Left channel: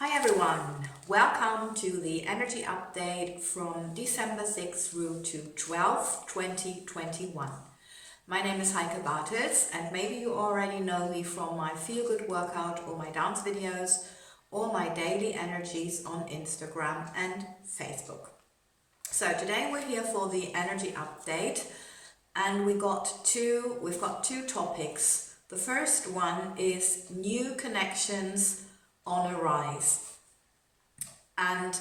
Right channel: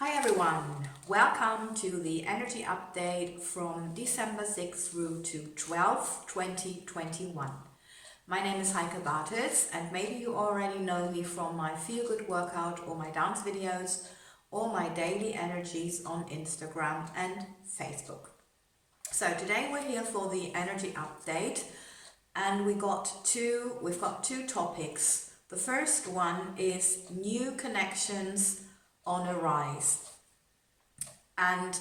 Hi everyone, welcome to the energy update from December 6th through to 12th, 2021. My name is Heike and maybe you already know me from my feel-good workout or my dance videos or my daily energies on Instagram and Facebook. So today we're here for the energy update and we've got two topics. The first one is new connections on a rise. And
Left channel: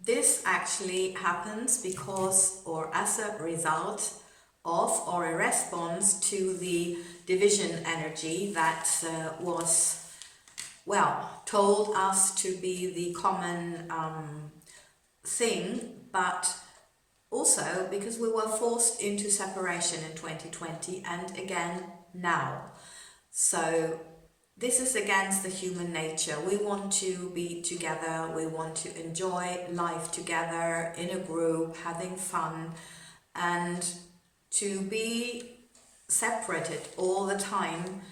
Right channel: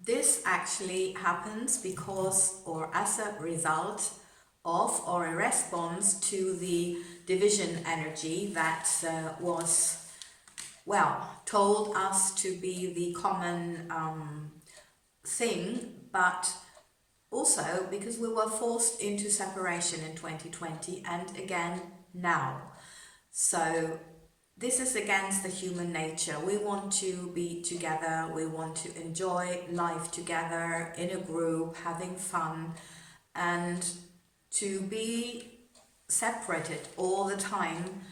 this actually happens because or as a result of or a response to the division energy that was told us to be the common thing, but also because we were forced into separation in 2020 and again now. So this is against the human nature. We want to be together, we want to enjoy life together in a group, having fun, and to be separated all the time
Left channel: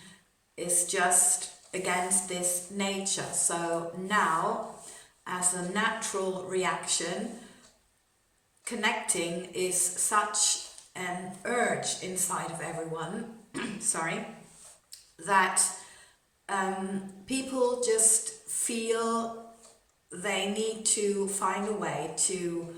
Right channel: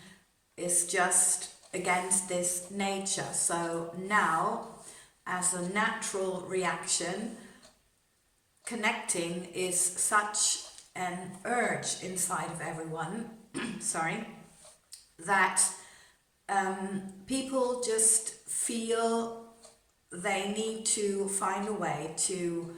is just against this nature. So now, as a natural reaction, connecting is such an urge inside of everyone, that people just feel they need to find a way to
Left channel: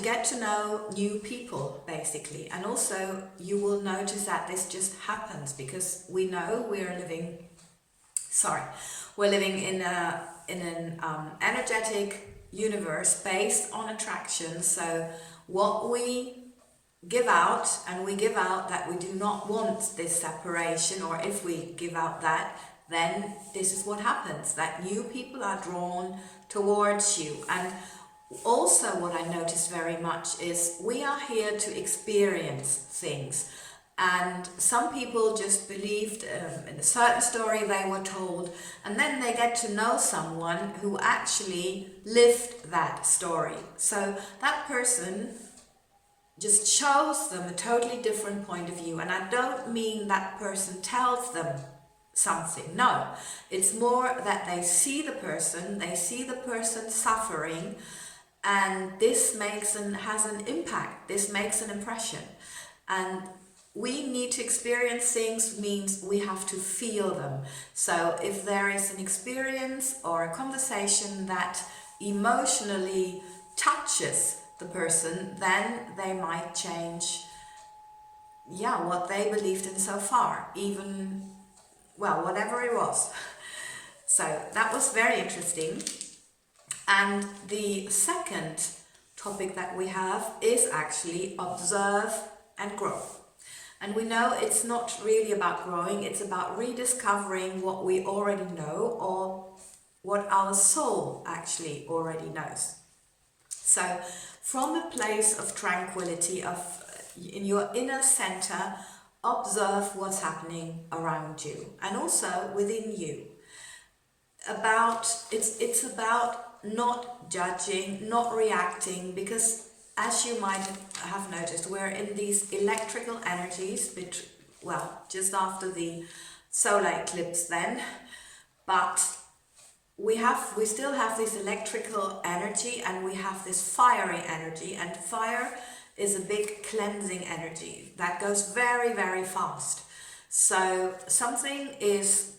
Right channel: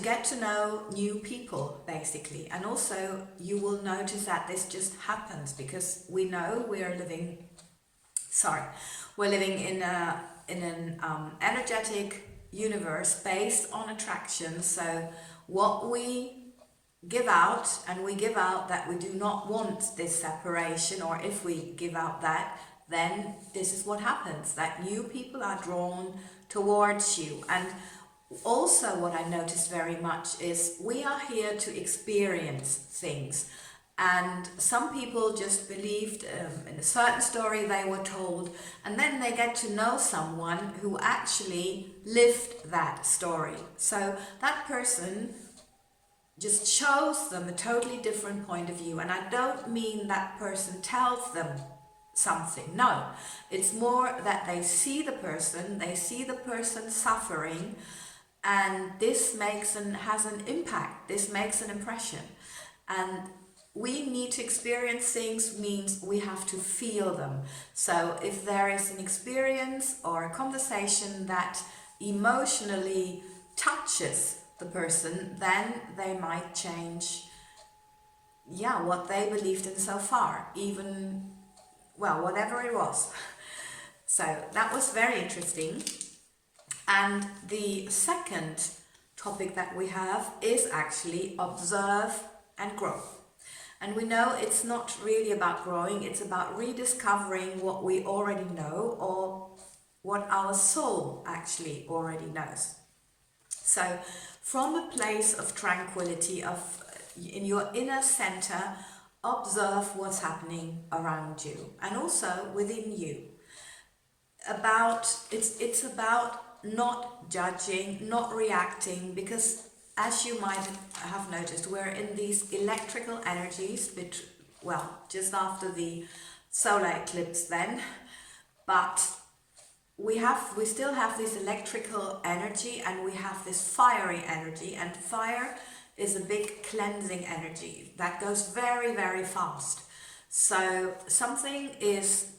get to know new people basically. And also you will notice that this just happens because we know we're living in an energetic universe based on attraction. So what we give out, and we give out that we do not want this separation, or if we give out that, then this is what happens, that new people are drawn towards you. And also what I noticed very much is we are here to experience things, and some people just believed in a certain story they were told, and then they get to know someone who actually lived that story. So that person just shows them a totally different point of view. And I don't mean that person tells them something. No, it's more that they see the person suffering, and this has an impact. This makes an impression. And we need to experience things means we have to feel them. So if there is an experience or a conversation that emotionally touches the person, then they might change what they believed in so far, even whatever it was. So that was very interesting. And the second topic that we have is actually observe and grow. And we know it's not really about growing, it's about rediscovering what we already know or what our soul actually already knows. So from a place of tranquility, in your inner center, observe what's happening around you and also within you. It's about not judging, not reacting, because as you might have noticed, we're in these electrical energies, just after the solar eclipse then, but we still have this electrical energy, and we have this fiery energy, and fire is a big cleansing energy that goes very, very fast. So something is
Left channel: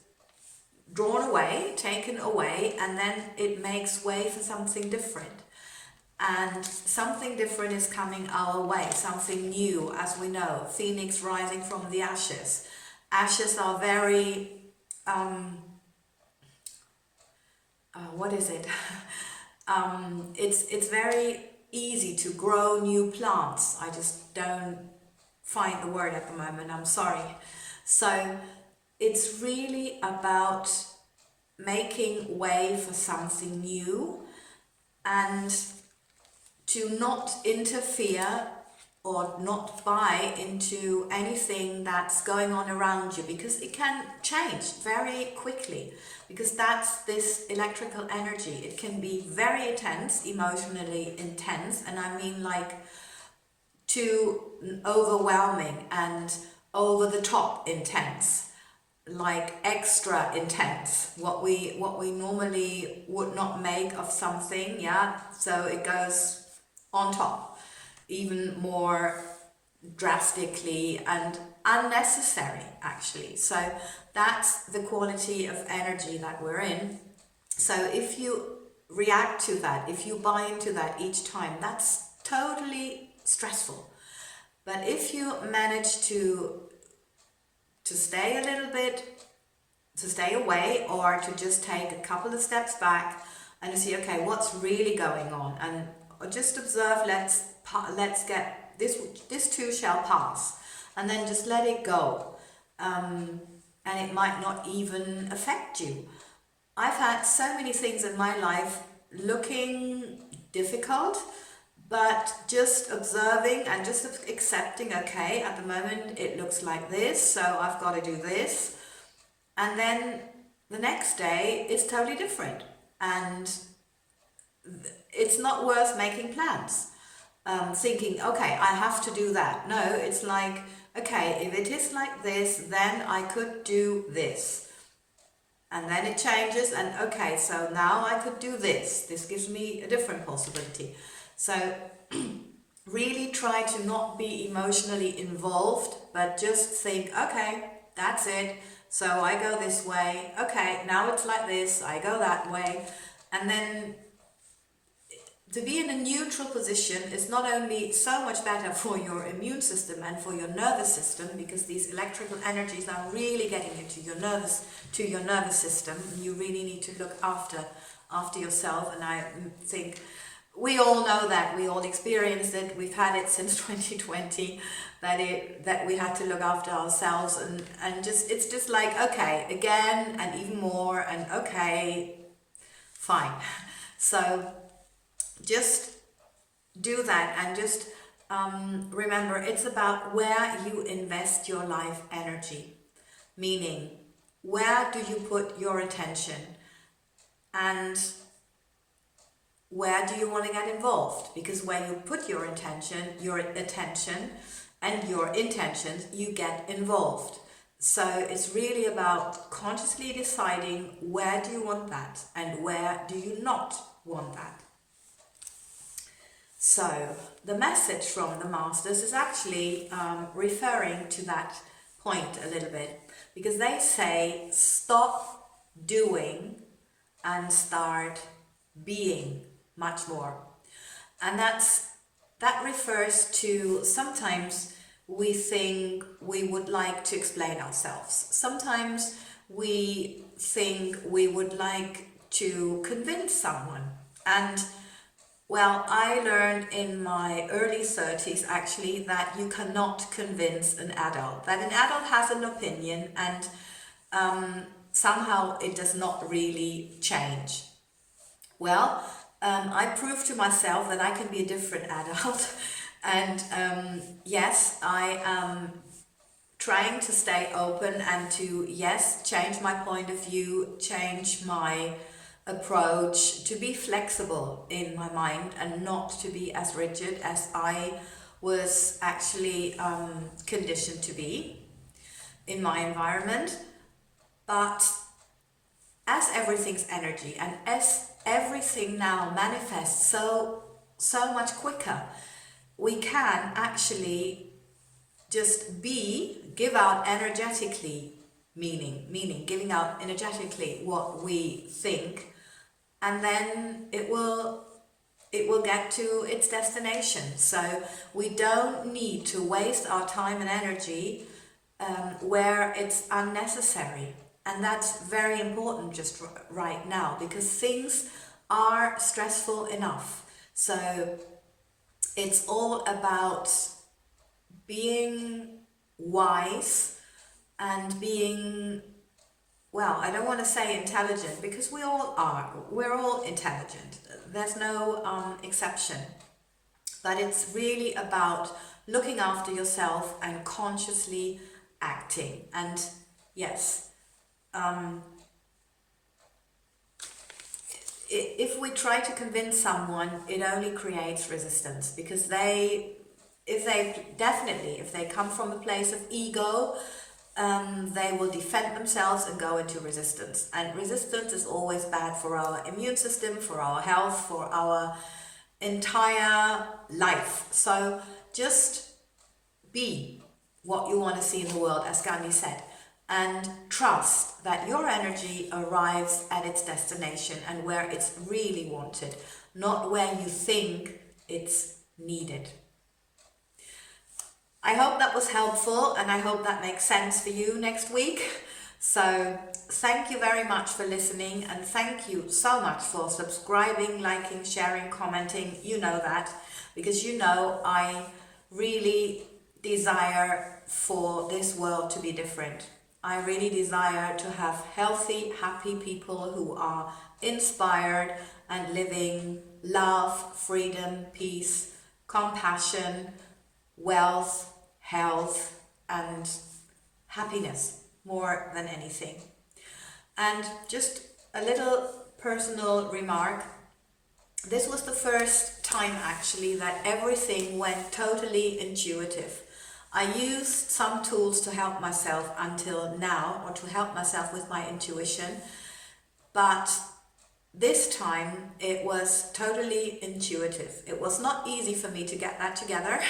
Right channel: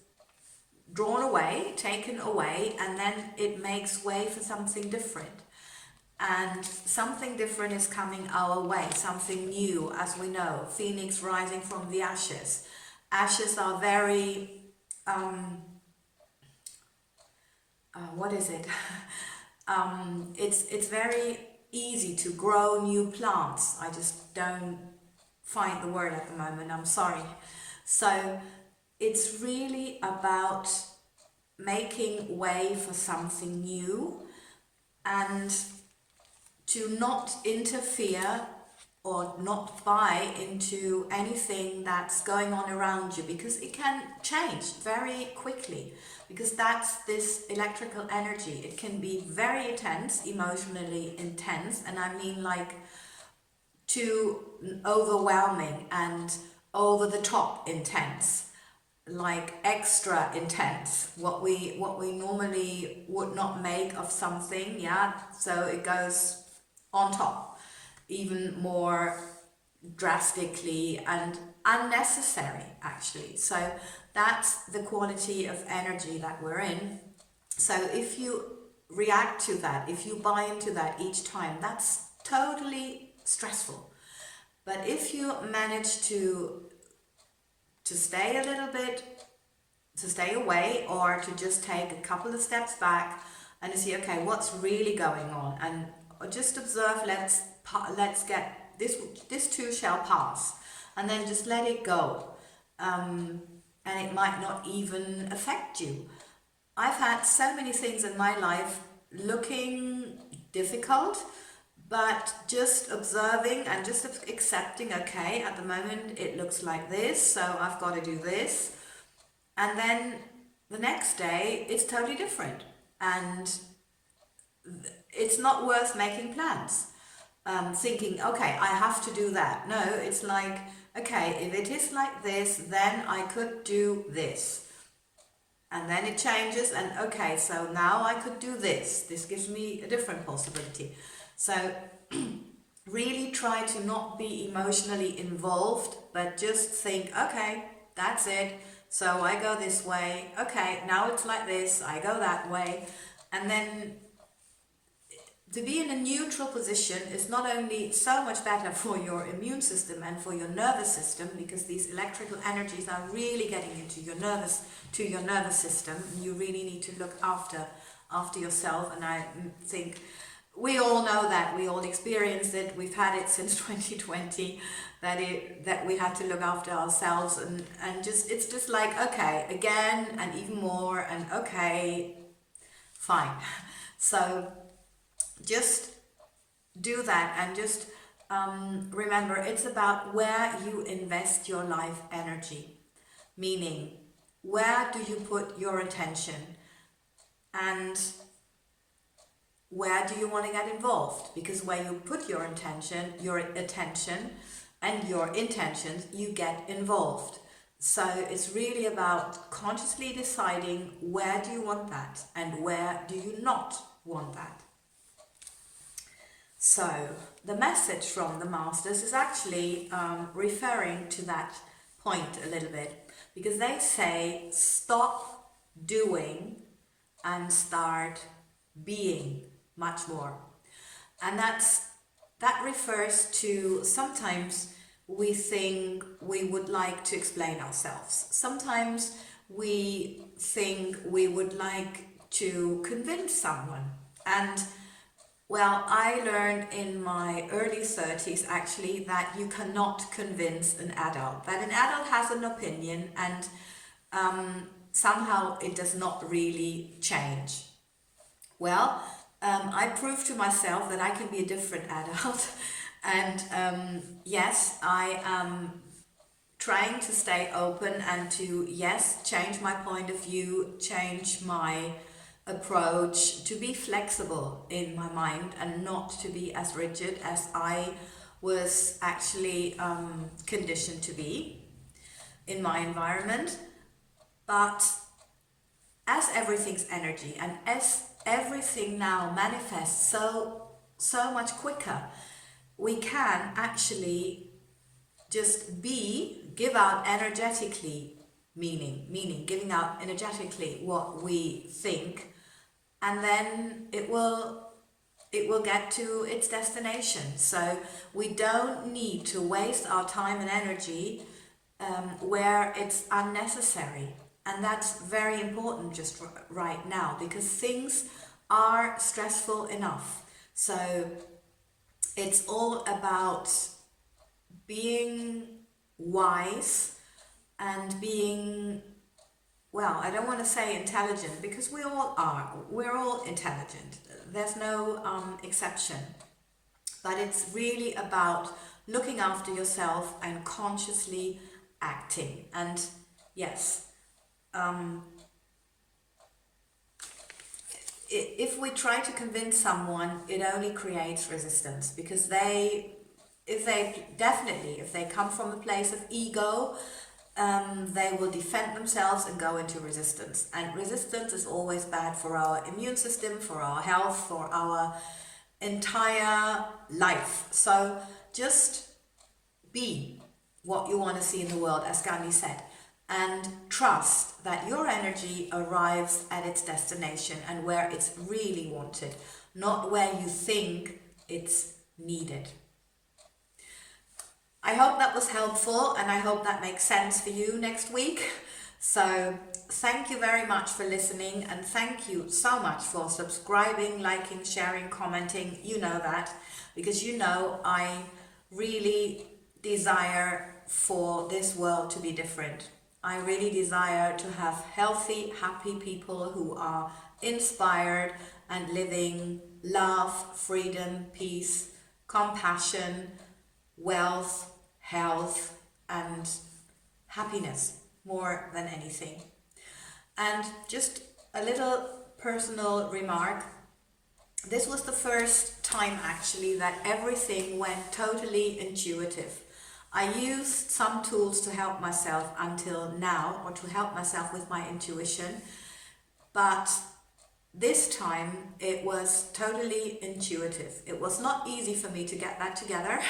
drawn away, taken away, and then it makes way for something different. And something different is coming our way, something new, as we know, phoenix rising from the ashes. Ashes are very it's very easy to grow new plants. I just don't find the word at the moment, I'm sorry. So it's really about making way for something new and to not interfere or not buy into anything that's going on around you, because it can change very quickly, because that's this electrical energy. It can be very intense, emotionally intense, and I mean like too overwhelming and over the top intense. like extra intense, what we normally would not make of something, yeah, so it goes on top even more drastically and unnecessary actually. So that's the quality of energy that we're in. So if you react to that, if you buy into that each time, that's totally stressful. But if you manage to stay a little bit, to stay away, or to just take a couple of steps back and to see, okay, what's really going on, and just observe, let's get this too shall pass, and then just let it go, and it might not even affect you. I've had so many things in my life looking difficult, but just observing and just accepting, okay, at the moment it looks like this, so I've got to do this. And then the next day it's totally different. And it's not worth making plans. Thinking, okay, I have to do that. No, it's like, okay, if it is like this, then I could do this. And then it changes, and okay, so now I could do this. This gives me a different possibility. So really try to not be emotionally involved, but just think, okay, that's it. So I go this way. Okay, now it's like this. I go that way. And then to be in a neutral position is not only so much better for your immune system and for your nervous system, because these electrical energies are really getting into your nervous system. You really need to look after yourself. And I think we all know that, we all experienced it. We've had it since 2020, that we had to look after ourselves, and just, it's just like, okay, again and even more, and okay, fine. So just do that, and just remember, it's about where you invest your life energy, meaning where do you put your attention, and where do you want to get involved? Because where you put your attention and your intentions, you get involved. So it's really about consciously deciding, where do you want that and where do you not want that. So the message from the masters is actually referring to that point a little bit, because they say stop doing and start being much more. And that refers to, sometimes we think we would like to explain ourselves. Sometimes we think we would like to convince someone. And well, I learned in my early 30s actually that you cannot convince an adult. That an adult has an opinion, and somehow it does not really change. Well, I proved to myself that I can be a different adult. And yes, I am trying to stay open and to, yes, change my point of view, change my approach, to be flexible in my mind and not to be as rigid as I was actually conditioned to be in my environment. But as everything's energy, and as everything now manifests so much quicker, we can actually just give out energetically, meaning giving out energetically what we think, and then it will get to its destination. So we don't need to waste our time and energy where it's unnecessary. And that's very important just right now, because things are stressful enough. So it's all about being wise and being, well, I don't want to say intelligent, because we all are. We're all intelligent. There's no exception. But it's really about looking after yourself and consciously acting. And yes, if we try to convince someone, it only creates resistance, because if they come from a place of ego, they will defend themselves and go into resistance. And resistance is always bad for our immune system, for our health, for our entire life. So just be what you want to see in the world, as Gandhi said, and trust that your energy arrives at its destination and where it's really wanted, not where you think it's needed. I hope that was helpful, and I hope that makes sense for you next week. So thank you very much for listening, and thank you so much for subscribing, liking, sharing, commenting. You know that, because you know I really desire for this world to be different. I really desire to have healthy, happy people who are inspired and living love, freedom, peace, compassion, wealth, health, and happiness more than anything. And just a little personal remark. This was the first time actually that everything went totally intuitive. I used some tools to help myself until now, or to help myself with my intuition, but this time it was totally intuitive. It was not easy for me to get that together,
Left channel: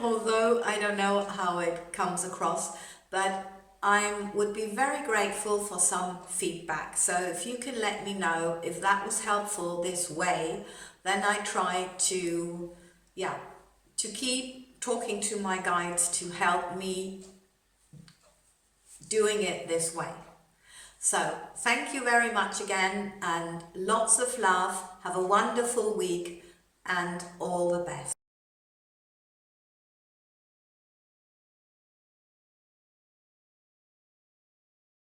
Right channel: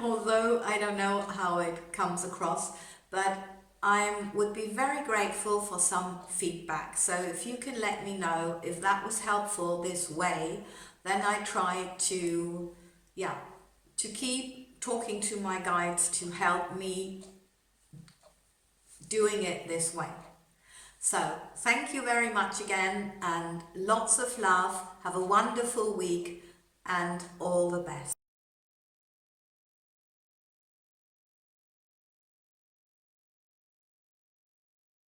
although I don't know how it comes across, but I would be very grateful for some feedback. So if you can let me know if that was helpful this way, then I try to keep talking to my guides to help me doing it this way. So thank you very much again, and lots of love. Have a wonderful week and all the best.